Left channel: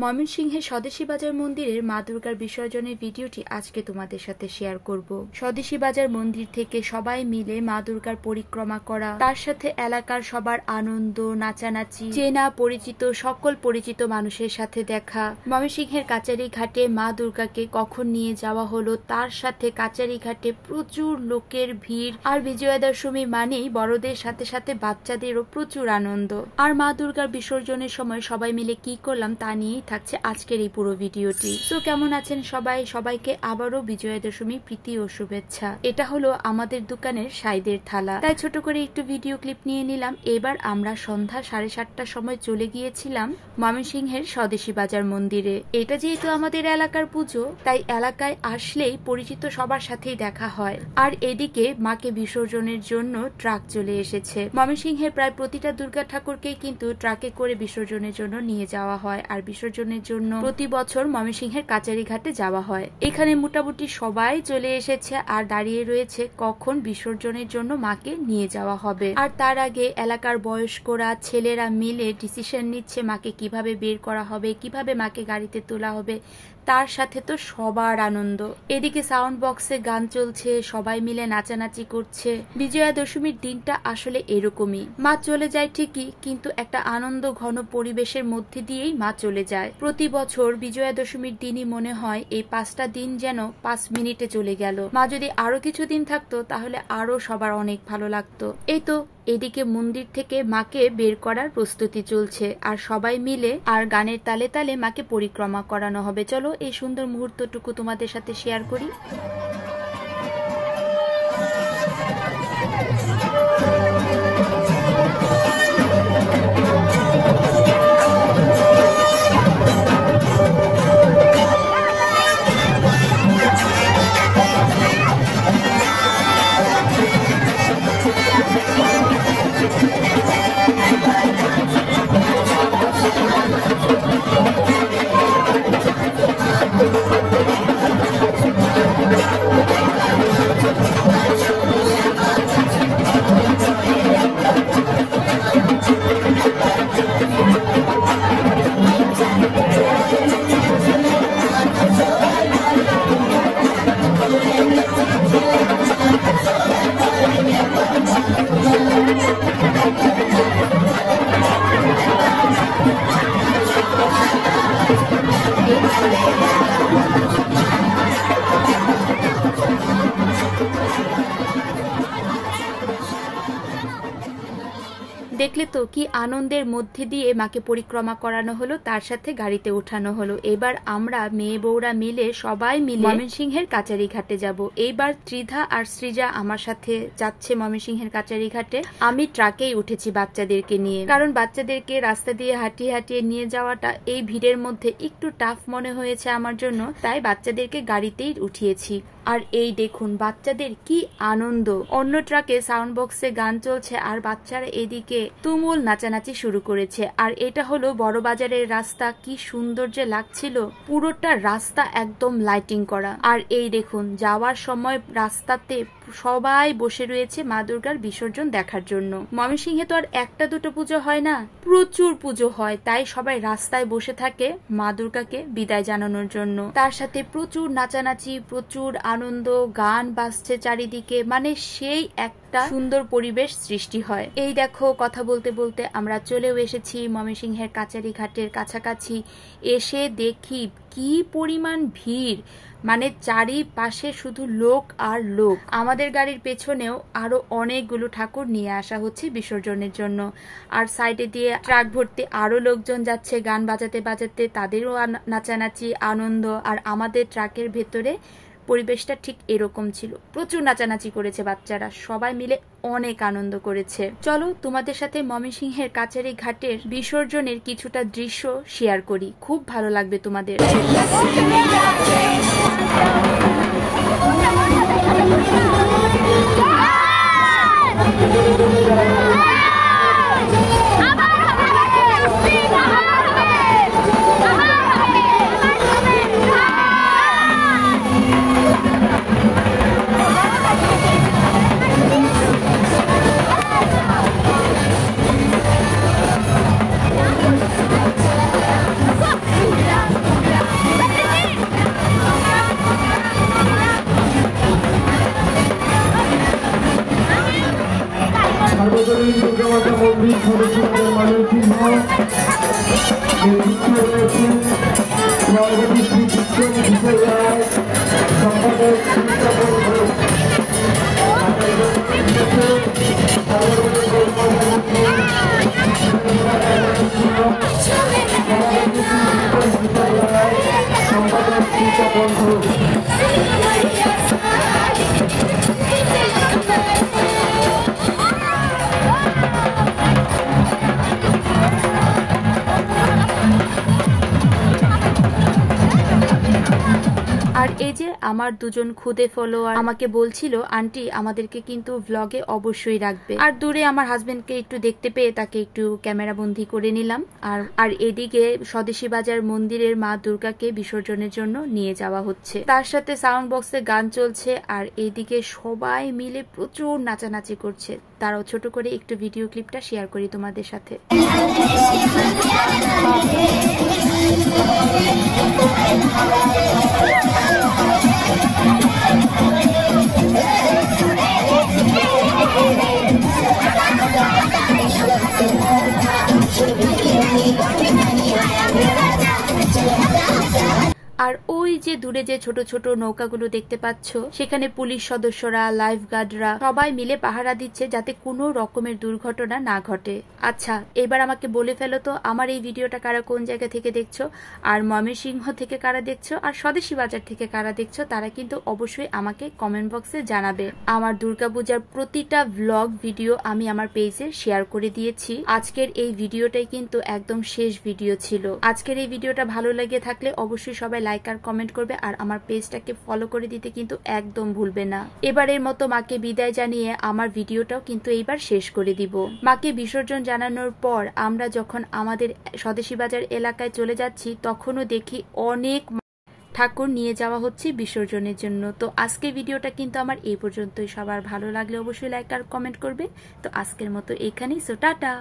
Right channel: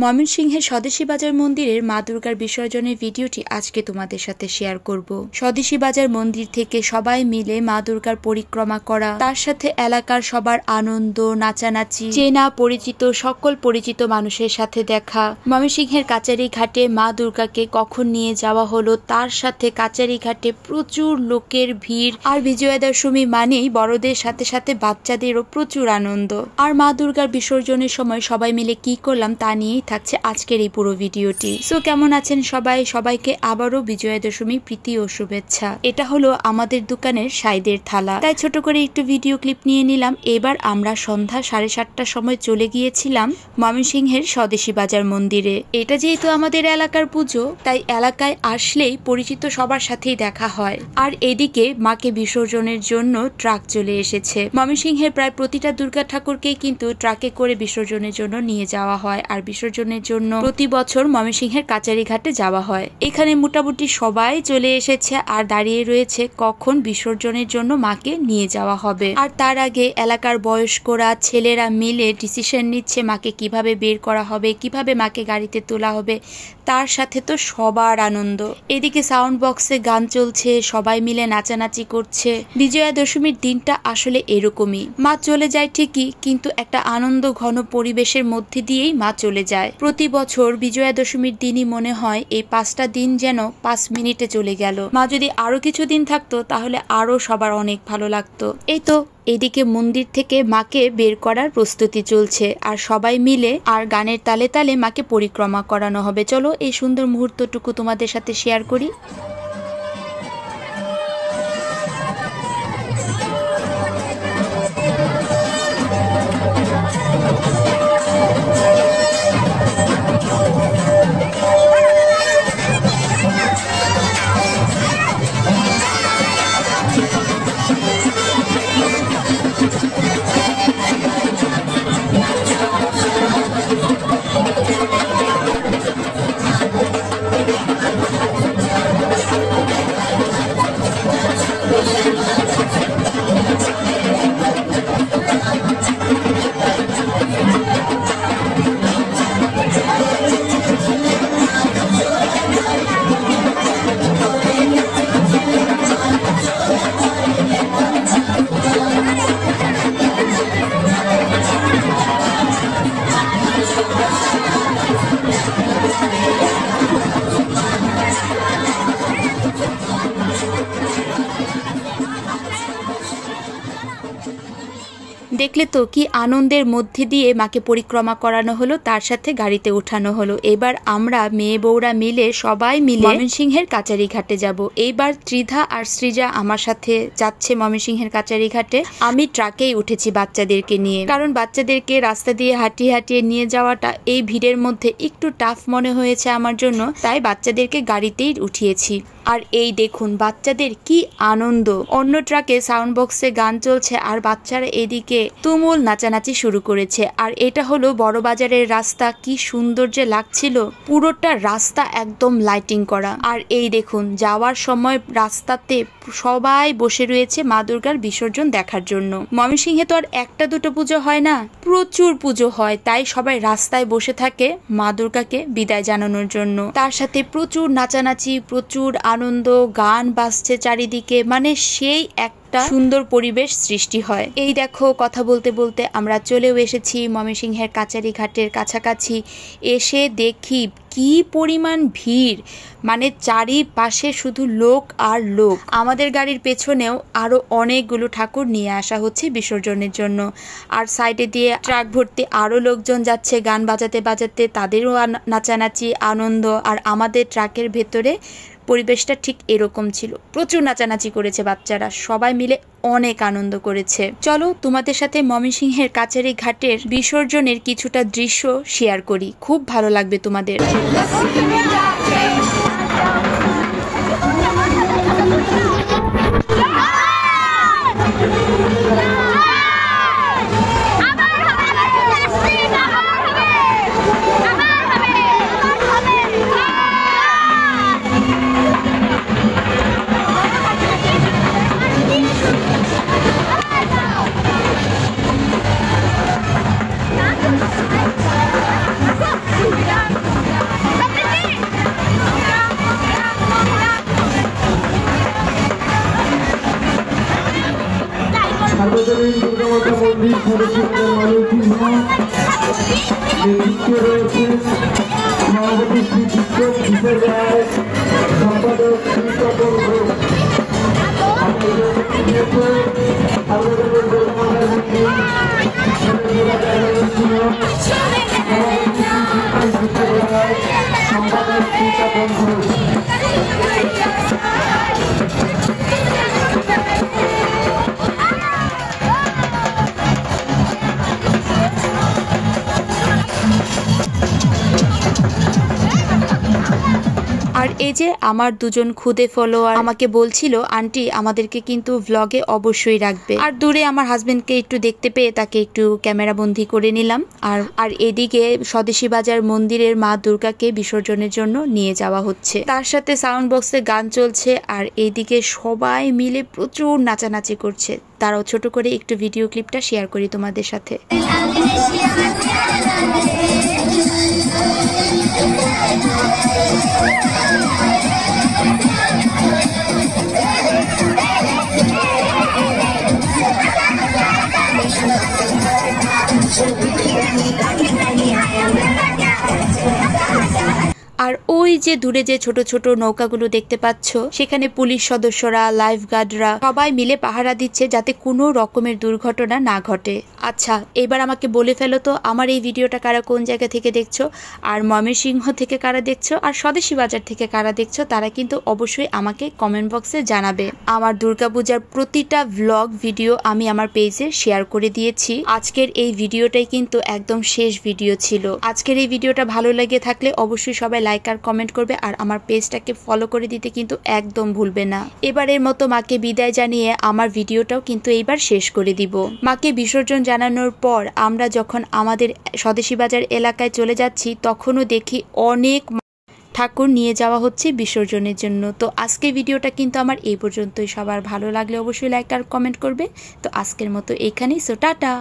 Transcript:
ময়মনসিংহের স্বদেশী বাজার মন্দিরের মা দুর্গার বিসর্জনের ভিডিওটি আজকে তোমাদের সাথে শেয়ার করব। স্বদেশী বাজার মন্দির থেকে সবাই মিলে মা দুর্গার পরিক্রমা করা, তার সাথে এলাকার সবার আনন্দ, নাচানাচি, চেনা পরিচিত সকল পরিচিত মানুষের সাথে দেখা। ময়মনসিংহের কাচারি ঘাটে মা দুর্গাকে কখন নিয়ে যাওয়া হলো, তার সাথে কাচারি ঘাটে প্রচুর লোকের ভিড়। আর বিজয়া দশমী মানেই বড়দের সাথে সাথে বাচ্চাদেরও প্রচুর আনন্দ। আর মা দুর্গার বিসর্জনের সময় সবাই মিলে কি করলাম তা নিয়ে থাকছে আজকের এই পুরো ভিডিওটি। সো কেমন আছেন সবাই? সবাইকে আবারও বিজয়া দশমী প্রীতি ও শুভেচ্ছা। এটা হলো আমাদের দোকানের সাইদের থালা, তাই ছোট করে একটু ভিডিও ক্লিপ নিয়ে নিলাম। এবার আমরা সন্ধ্যা 7:30টার সময় চলে গিয়েছিলাম ময়মনসিংহের স্বদেশী বাজার মন্দিরে। এটা যেহেতু আমাদের এলাকার পুজো, তাই এলাকায় আসলেই পরিচিত সবার সাথেই দেখা হয়। আর এদিকে মাকে বিসর্জনের জন্য ট্রাক চলে এসেছে। ময়মনসিংহের প্রায় প্রতিটা দুর্গা ঠাকুরকেই কিন্তু ট্রাকে করে বিসর্জনের জন্য নিয়ে যাওয়া হয়। আর বিসর্জনের জন্য প্রতি বছর ময়মনসিংহের কাচারি ঘাটে যাওয়া হয়। এখানে মোটামুটি সবাই চলে এসেছে আর দাঁড়িয়ে রয়েছে কখন বিসর্জনের জন্য মাকে নিয়ে যাওয়া হবে। আর তার আগে এলাকার বয়স্করা, ছেলেরা মিলে ডিসিশন নিচ্ছে মাকে কিভাবে বের করা হবে, কিভাবে মাকে গাড়িতে তোলা হবে। তার সাথে তো সবার আনন্দ। এদিকে সাউন্ড বক্সে গান চলছে, সবাই মিলে নাচানাচি করছে। বিজয়া দশমীর দিনটা আসলে এরকমই। মা চলে যায় ঠিকই, কিন্তু একটা আনন্দ ঘন পরিবেশের মধ্যে দিয়েই মা চলে যায়। প্রতি বছর বিজয়া দশমীর দিনই মনে হয় এই 5টা দিন যেন 5 মিনিটে চলে গেল। মা যদি আরো কিছু দিন থাকতো তাহলে আরো সবার অনেক ভালো লাগতো। এই তো এদিকে মন্দির থেকে মাকে বের করার প্রস্তুতি চলছে, আর সবাই মিলে আর গানের তালে তালে মাকে পরিক্রমা করানো হবে। চলো এই সুন্দর মুহূর্তটুকু তোমাদের সাথে শেয়ার করি। দেখলে তো কি আনন্দের মধ্যে দিয়ে মাকে পরিক্রমা করানো হলো, তার সাথে গাড়িতে উঠানো হলো। এবার আমরা মেয়ে বউরা মিলে সবাই মিলে ময়মনসিংহের কাচারি ঘাটে যাব। এইবার ত্রিধা আর সৃজা আমার সাথে যাচ্ছে ময়মনসিংহের কাচারি ঘাটে। আমি ট্রাকেই উঠেছি বাচ্চাদেরকে নিয়ে, কারণ বাচ্চাদেরকে রাস্তা দিয়ে হাঁটিয়ে হাঁটিয়ে নিয়ে যাওয়াটা এই ভিড়ের মধ্যে একটু টাফ মনে হয়েছে আমার জন্য, তাই বাচ্চাদেরকে গাড়িতেই উঠিয়েছি। আর এই দেখুন বাচ্চাদের কি আনন্দ। অন্য ট্রাকে সাউন্ড বক্সে গান চলছে আর বাচ্চারা এদিকে তুমুল নাচানাচি শুরু করেছে। আর এটা হলো বড় বাজারের রাস্তা, কি সুন্দর যে লাগছিল। পুরোটা রাস্তা একদম লাইটিং করা। আর এই দেখুন যাওয়ার সময় রাস্তাতে সবাই বসে রয়েছে মা দুর্গার বিসর্জন দেখার জন্য। ময়মনসিংহে তো আর একটা দুটো পুজো হয় না, প্রচুর পুজো হয়, তাই সবাই রাস্তায় বসে থাকে মা দুর্গাকে বিদায় জানানোর জন্য। তার সাথে প্রচুর নাচানাচি, প্রচুর আনন্দ, গান বাজছে চারিদিকে, মানে সেই একটা সুন্দর পরিবেশ সৃষ্টি হয়। এই দেখো কথা বলতে বলতে আমরা চলেও এসেছি ময়মনসিংহের কাচারি ঘাটের কাছাকাছি। এসে দেখি কি পরিমাণ ভিড়, মানে চারিপাশে শুধু লোক আর লোক। আমাদের গাড়ির পেছনেও আরো অনেকগুলো ঠাকুর নিয়ে আসা হচ্ছে বিসর্জনের জন্য। আর সাইডে দিয়ে ট্রাক ভর্তি আরো লোকজন যাচ্ছে গান বাজাতে বাজাতে, তাদেরও নাচানাচি আনন্দ। আর আমাদের ট্রাকের ভেতরে পরিবেশটা ঠিক এরকম ছিল, প্রচুর নাচানাচি করেছে বাচ্চারা, সবাই মিলে অনেক আনন্দ করেছে। চলো তোমাদের সাথে ময়মনসিংহের কাচারি ঘাটের বিসর্জনের কিছুটা দৃশ্য শেয়ার করি, খুব ভালো লাগবে তোমাদের। আর এই যে আমার দুজন খুদে ফলোয়ার আমাকে বলছিল আন্টি আমাদেরকে কিন্তু ভ্লগে অবশ্যই রাখবে। আর দূরে আমার হাজবেন্ডকে একটু দেখতে পেয়ে তাকে একটু ক্যামেরা বন্দি করে নিলাম। আর এদিকে স্বদেশী বাজার মন্দিরের মা দুর্গাকে বিসর্জনের জন্য নিয়ে যাওয়া হচ্ছে, তার সাথে সাউন্ড বক্সে গান চলছে। আর এইদিকে সবাই মিলে প্রচুর নাচানাচি করছে। তারাও ছোট করে একটু ভিডিও ক্লিপটা শেয়ার করি তোমাদের সাথে। আর ওই যে দূরে যে ছোট ছোট নৌকাগুলো দেখতে পাচ্ছ, সেখানে পুলিশ সদস্যরা, লাইফ গার্ডরা সবাই মিলে পাহারা দিচ্ছে যাতে কোনো রকমের দুর্ঘটনা না ঘটে। আচ্ছা, এবার আমাকে বলে ফেলো তো আমার এই ভিডিওটা কারা কোন জায়গা থেকে দেখছো, আর ময়মনসিংহ থেকে কারা দেখছো, আর স্বদেশী বাজার থেকে কারা দেখছো, তারা কিন্তু অবশ্যই আমাকে কমেন্ট বক্সে জানাবে। আমার দুর্গাপূজার প্রতিটা ভ্লগ ভিডিও আমি আমার পেজে শেয়ার করে দিয়েছি। আজকের এই ভিডিওটাই কিন্তু একদম শেষ ভিডিও ছিল। আজকের এই ভিডিওটা ভালো লেগে থাকলে অবশ্যই সবাই লাইক আর কমেন্ট করবে, আর আমার পেজটাকে ফলো করে দিতে কিন্তু একদম ভুলবে না। এবারের মতো মাকে বিদায় জানিয়ে আমার ভিডিওটাও কিন্তু এইবার শেষ করে দিব। মাকে বিসর্জন জানানোর পর আমরা যখন আমাদের স্বদেশী বাজার এলাকায় চলে যাচ্ছি, তখনও দেখি অনেক ঠাকুর নিয়ে যাওয়া হচ্ছে বিসর্জনের জন্য। তো আজকের ভিডিওটা কিন্তু আমার এই পর্যন্তই। সবার ভালো লাগলে অবশ্যই লাইক আর কমেন্ট করবে। তো আজকের মতো এখানেই, সো টাটা।